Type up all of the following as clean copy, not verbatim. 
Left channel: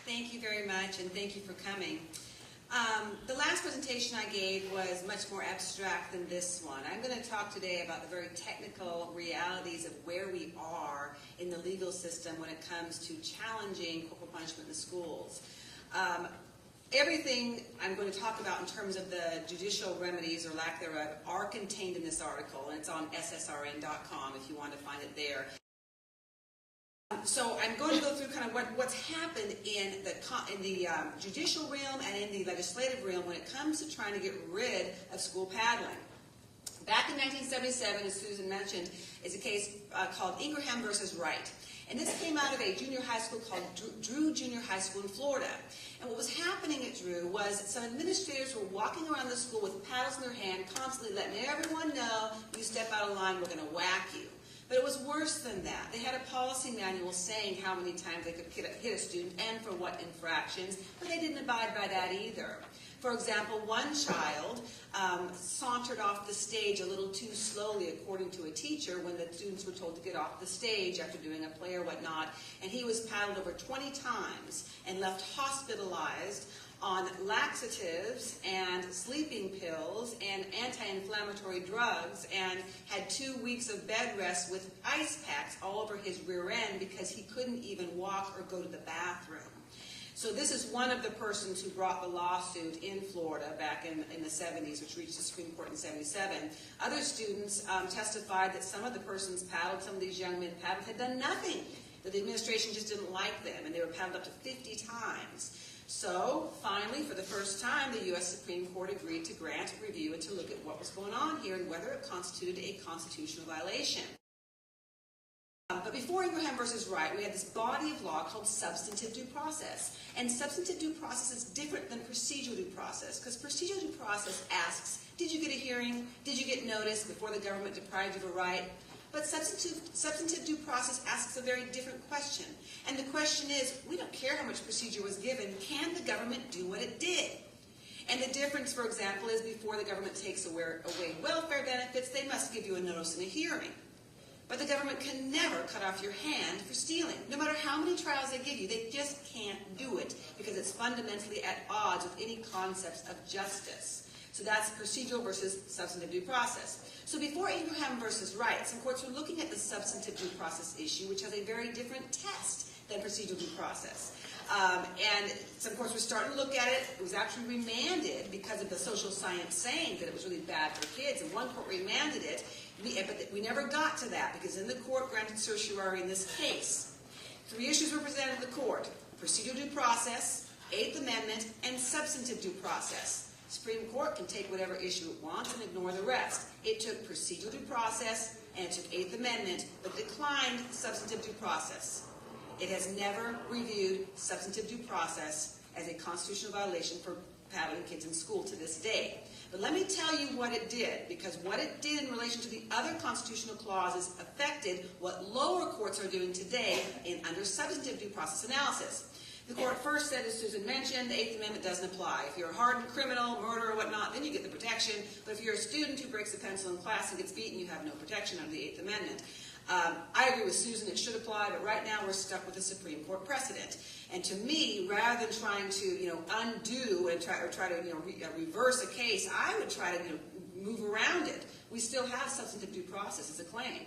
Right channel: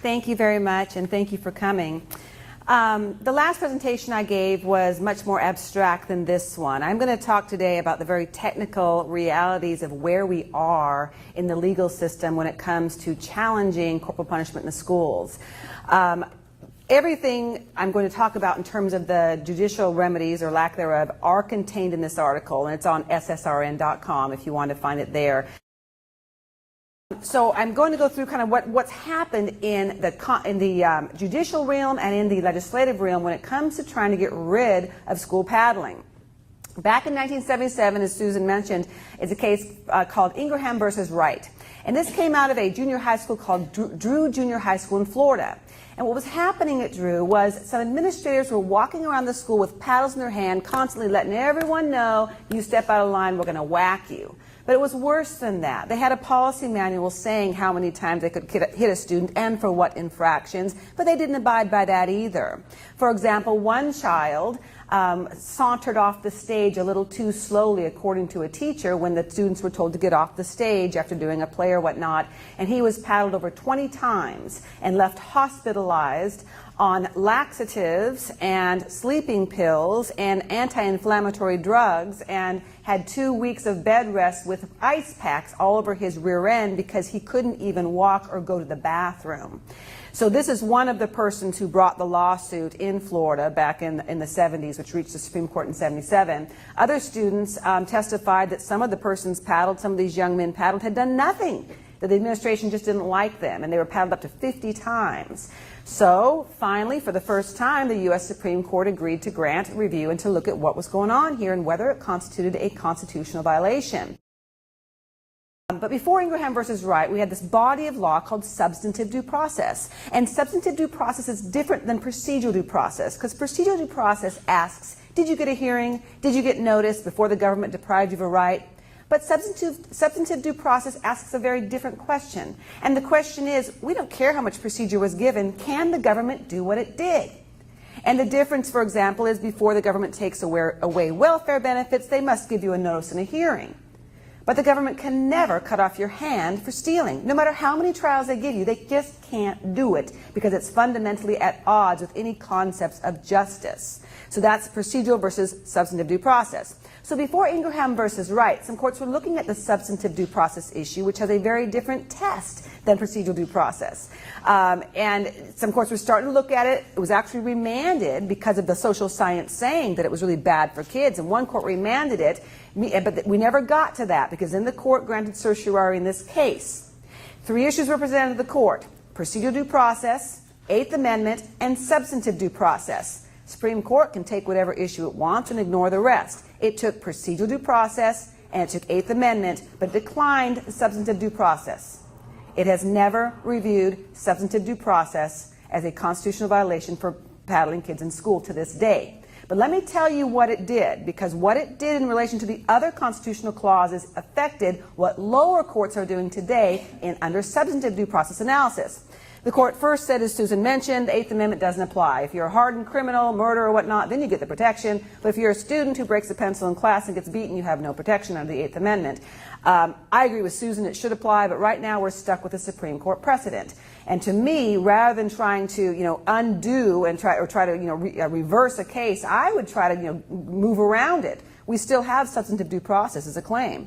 Thank you very much, and thank you for coming. The last presentation I gave was much more abstract than this one. I'm going to talk today about the very technical realities of where we are in the legal system when it comes to challenging corporal punishment in the schools. Everything I'm going to talk about in terms of the judicial remedies or lack thereof are contained in this article, and it's on ssrn.com if you want to find it there. So I'm going to go through kind of what's happened in the judicial realm and in the legislative realm when it comes to trying to get rid of school paddling. Back in 1977, as Susan mentioned, is a case called Ingraham versus Wright. And this came out of a junior high school called Drew Junior High School in Florida. And what was happening at Drew was some administrators were walking around the school with paddles in their hand, constantly letting everyone know, you step out of line, we're going to whack you. But it was worse than that. They had a policy manual saying how many times they could hit a student and for what infractions, but they didn't abide by that either. For example, one child sauntered off the stage a little too slowly, according to a teacher, when the students were told to get off the stage after doing a play or whatnot, and he was paddled over 20 times and left hospitalized on laxatives and sleeping pills and anti-inflammatory drugs, and had 2 weeks of bed rest with ice packs all over his rear end because he couldn't even walk or go to the bathroom. So this is one of the persons who brought the lawsuit in Florida back in the 70s, which reached the Supreme Court in 77. Other students testified that some of the persons paddled, some of these young men paddled, had done nothing, that the administration just didn't like them, and they were paddled up to 50 times. So finally, for the first time, the U.S. Supreme Court agreed to grant review and to look at what was going on here and whether it constituted a constitutional violation. But before Ingraham versus Wright, we had this body of law called substantive due process. And substantive due process is different than procedural due process, because procedural due process asks, did you get a hearing? Did you get notice before the government deprived you of a right? But substantive due process asks a very different question. And the question is, we don't care how much procedure was given, can the government do what it did? And the difference, for example, is before the government takes away welfare benefits, they must give you a notice and a hearing. But the government can never cut off your hand for stealing. No matter how many trials they give you, they just can't do it because it's fundamentally at odds with any concepts of justice. So that's procedural versus substantive due process. So before Ingraham versus Wright, some courts were looking at the substantive due process issue, which has a very different test than procedural due process. And some courts were starting to look at it. It was actually remanded because of the social science saying that it was really bad for kids. And one court remanded it, but we never got to that because then the court granted certiorari in this case. 3 issues were presented to the court: procedural due process, Eighth Amendment, and substantive due process. Supreme Court can take whatever issue it wants and ignore the rest. It took procedural due process and it took Eighth Amendment, but declined substantive due process. It has never reviewed substantive due process as a constitutional violation for paddling kids in school to this day. But let me tell you what it did, because what it did in relation to the other constitutional clauses affected what lower courts are doing today under substantive due process analysis. The court first said, as Susan mentioned, the Eighth Amendment doesn't apply. If you're a hardened criminal, murderer, or whatnot, then you get the protection. But if you're a student who breaks a pencil in class and gets beaten, you have no protection under the Eighth Amendment. I agree with Susan, it should apply, but right now we're stuck with the Supreme Court precedent. And to me, rather than trying to, undo and try to, reverse a case, I would try to, move around it. We still have substantive due process as a claim.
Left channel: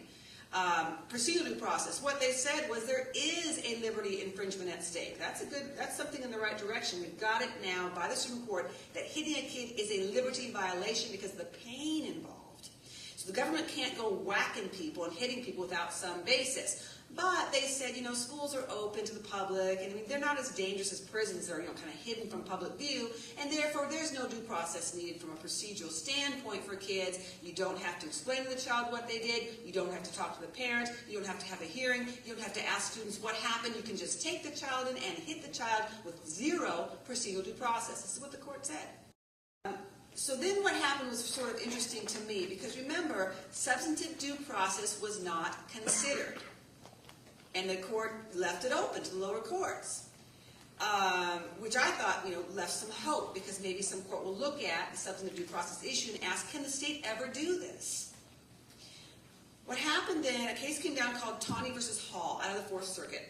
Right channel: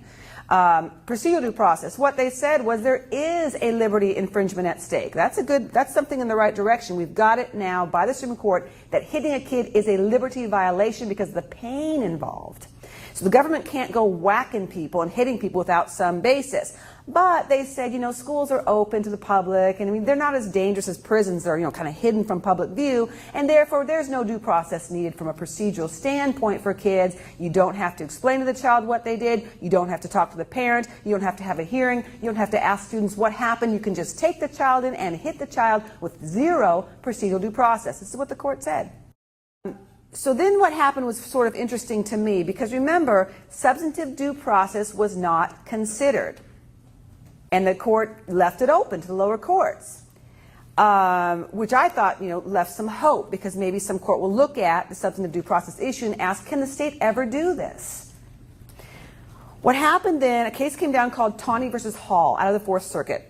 Procedural due process, what they said was there is a liberty infringement at stake. That's something in the right direction. We've got it now by the Supreme Court that hitting a kid is a liberty violation because of the pain involved. So the government can't go whacking people and hitting people without some basis. But they said, schools are open to the public, and they're not as dangerous as prisons. They're, kind of hidden from public view, and therefore there's no due process needed from a procedural standpoint for kids. You don't have to explain to the child what they did. You don't have to talk to the parent. You don't have to have a hearing. You don't have to ask students what happened. You can just take the child in and hit the child with zero procedural due process. This is what the court said. So then what happened was sort of interesting to me, because remember, substantive due process was not considered. And the court left it open to the lower courts, which I thought, left some hope, because maybe some court will look at the substantive due process issue and ask, can the state ever do this? What happened then, a case came down called Tawney versus Hall out of the Fourth Circuit.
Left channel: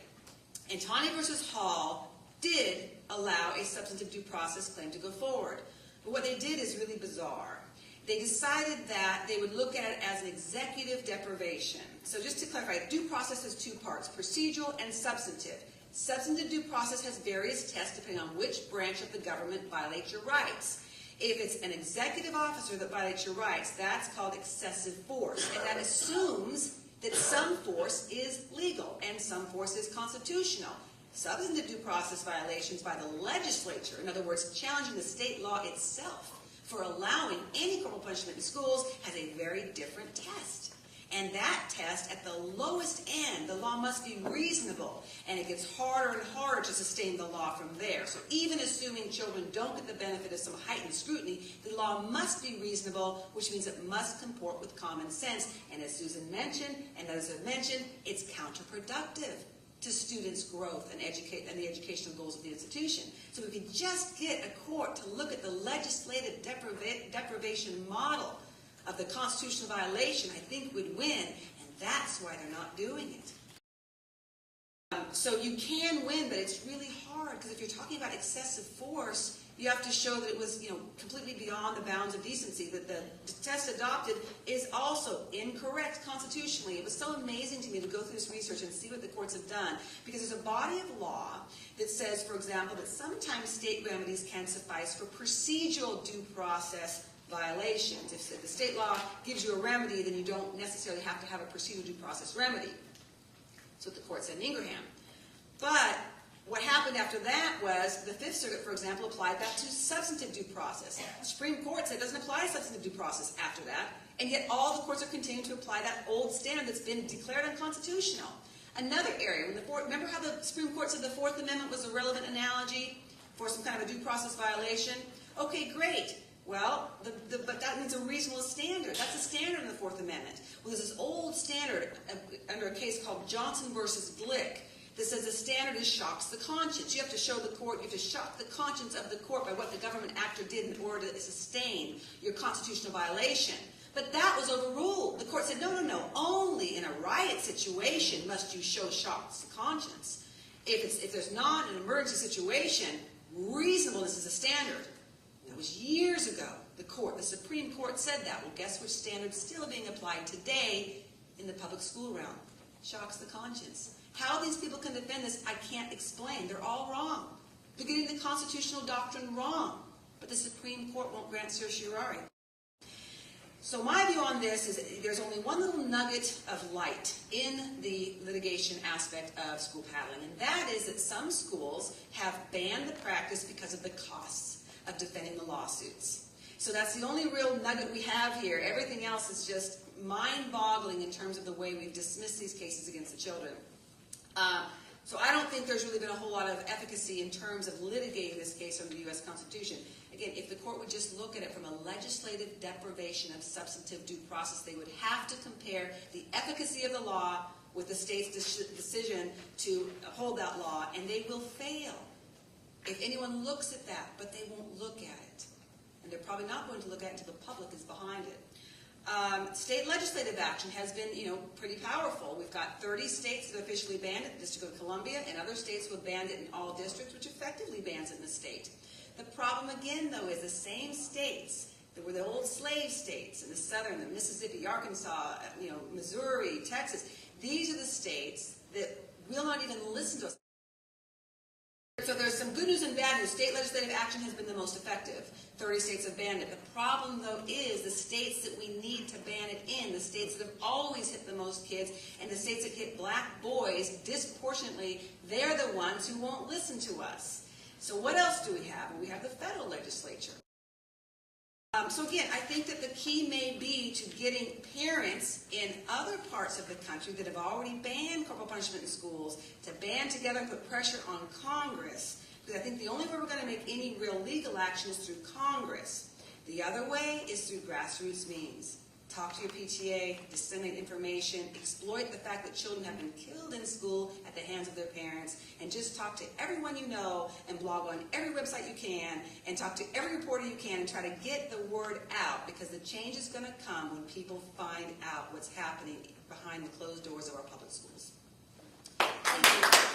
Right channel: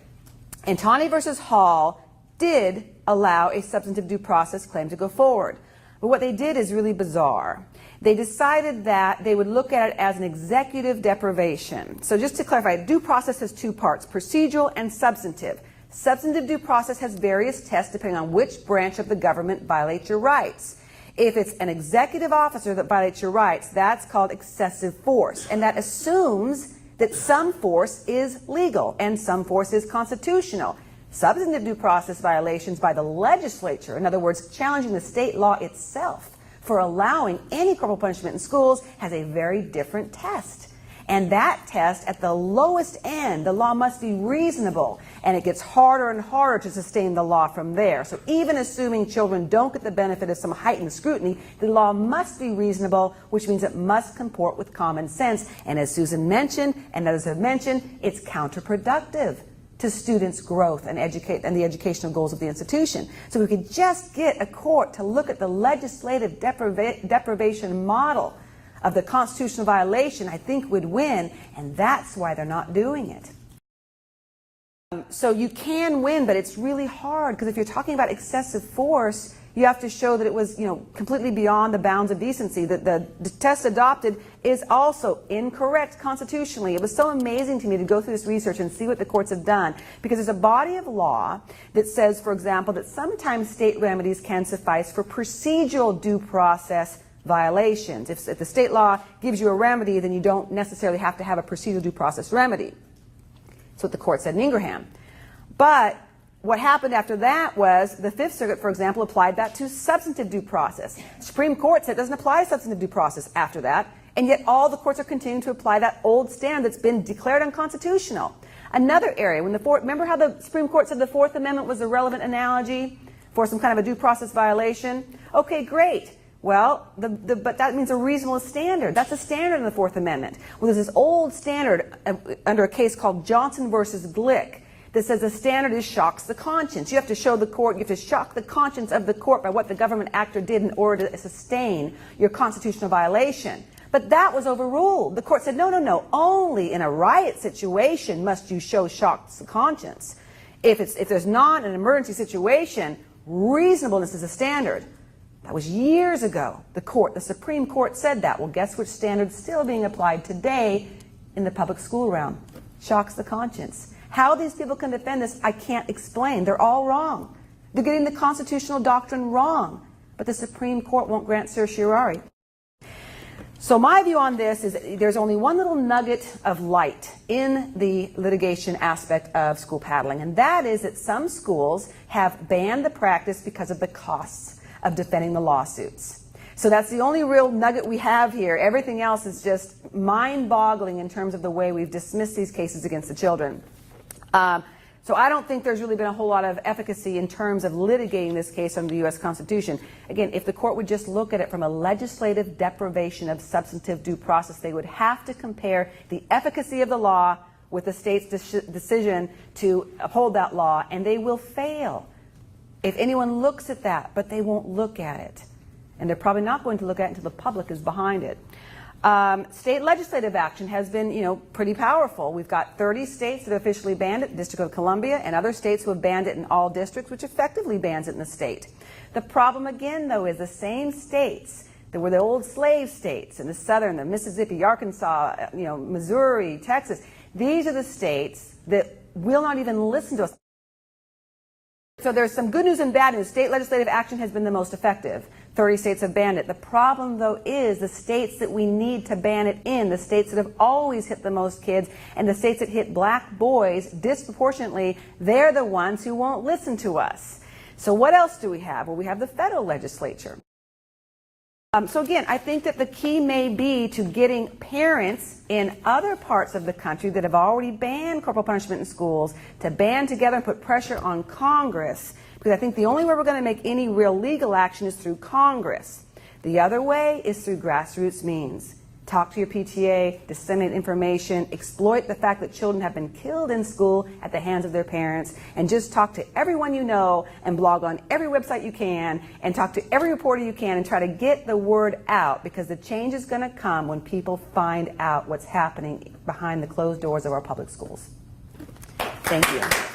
And Tawney versus Hall did allow a substantive due process claim to go forward. But what they did is really bizarre. They decided that they would look at it as an executive deprivation. So just to clarify, due process has two parts, procedural and substantive. Substantive due process has various tests depending on which branch of the government violates your rights. If it's an executive officer that violates your rights, that's called excessive force. And that assumes that some force is legal and some force is constitutional. Substantive due process violations by the legislature, in other words, challenging the state law itself for allowing any corporal punishment in schools, has a very different test. And that test, at the lowest end, the law must be reasonable, and it gets harder and harder to sustain the law from there. So even assuming children don't get the benefit of some heightened scrutiny, the law must be reasonable, which means it must comport with common sense. And as Susan mentioned, and others have mentioned, it's counterproductive to students' growth and the educational goals of the institution. So we could just get a court to look at the legislative deprivation model of the constitutional violation, I think would win, and that's why they're not doing it. So you can win, but it's really hard, because if you're talking about excessive force, you have to show that it was, completely beyond the bounds of decency. That the test adopted is also incorrect constitutionally. It was so amazing to me to go through this research and see what the courts have done, because there's a body of law that says, for example, that sometimes state remedies can suffice for procedural due process violations. If the state law gives you a remedy, then you don't necessarily have to have a procedural due process remedy. That's what the court said in Ingraham. But what happened after that was the Fifth Circuit, for example, applied that to substantive due process. The Supreme Court said it doesn't apply to substantive due process after that, and yet all the courts are continuing to apply that old standard that's been declared unconstitutional. Another area, remember how the Supreme Court said the Fourth Amendment was a relevant analogy for some kind of a due process violation? Okay, great. Well, but that means a reasonable standard. That's a standard in the Fourth Amendment. Well, there's this old standard under a case called Johnson versus Glick that says the standard is shocks the conscience. You have to show the court, you have to shock the conscience of the court by what the government actor did in order to sustain your constitutional violation. But that was overruled. The court said, no, only in a riot situation must you show shocks the conscience. If there's not an emergency situation, reasonableness is a standard. That was years ago. The Supreme Court said that. Well, guess which standard's still being applied today in the public school realm? Shocks the conscience. How these people can defend this, I can't explain. They're all wrong. They're getting the constitutional doctrine wrong. But the Supreme Court won't grant certiorari. So my view on this is there's only one little nugget of light in the litigation aspect of school paddling, and that is that some schools have banned the practice because of the costs of defending the lawsuits. So that's the only real nugget we have here. Everything else is just mind-boggling in terms of the way we've dismissed these cases against the children. So I don't think there's really been a whole lot of efficacy in terms of litigating this case under the U.S. Constitution. Again, if the court would just look at it from a legislative deprivation of substantive due process, they would have to compare the efficacy of the law with the state's decision to uphold that law, and they will fail if anyone looks at that, but they won't look at it. And they're probably not going to look at it until the public is behind it. State legislative action has been, pretty powerful. We've got 30 states that have officially banned it, District of Columbia, and other states who have banned it in all districts, which effectively bans it in the state. The problem again, though, is the same states that were the old slave states in the southern, the Mississippi, Arkansas, Missouri, Texas. These are the states that will not even listen to us. So there's some good news and bad news. State legislative action has been the most effective. 30 states have banned it. The problem, though, is the states that we need to ban it in, the states that have always hit the most kids, and the states that hit black boys disproportionately, they're the ones who won't listen to us. So what else do we have? Well, we have the federal legislature. So again, I think that the key may be to getting parents in other parts of the country that have already banned corporal punishment in schools to band together and put pressure on Congress, because I think the only way we're going to make any real legal action is through Congress. The other way is through grassroots means. Talk to your PTA, disseminate information, exploit the fact that children have been killed in school at the hands of their parents, and just talk to everyone you know and blog on every website you can and talk to every reporter you can and try to get the word out, because the change is going to come when people find out what's happening behind the closed doors of our public schools. Thank you.